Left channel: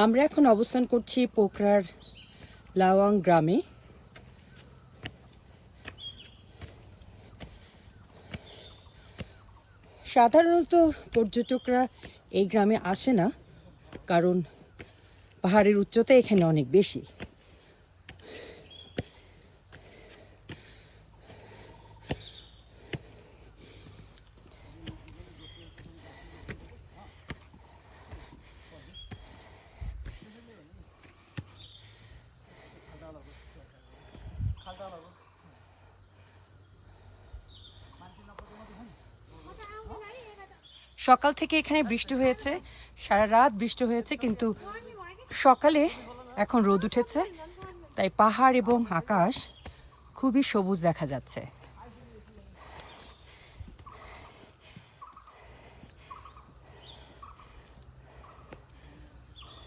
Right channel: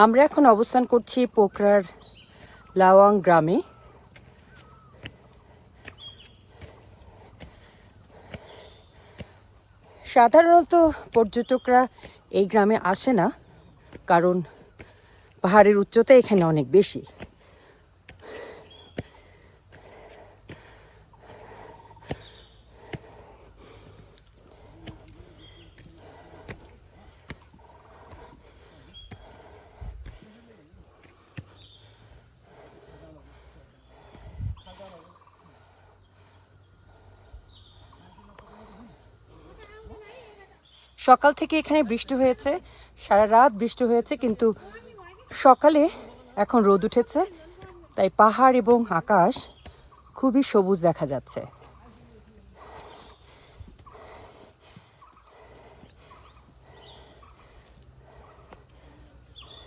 আমরা এখন অবস্থান করছি পোখরার লাওয়াং গ্রামে। সাধারণত পর্যটকরা এই গ্রামে আসে না, কারণ পাহাড়ের উচ্চতা এখানে অনেক বেশি। সকাল থেকে এখানে বৃষ্টি হয়েছে, সারা রাত বৃষ্টি হয়েছে, কিন্তু সকালে এখন রোদ উঠেছে, তাই পাহাড় এবং আকাশ খুবই সবুজ দেখা যাচ্ছে।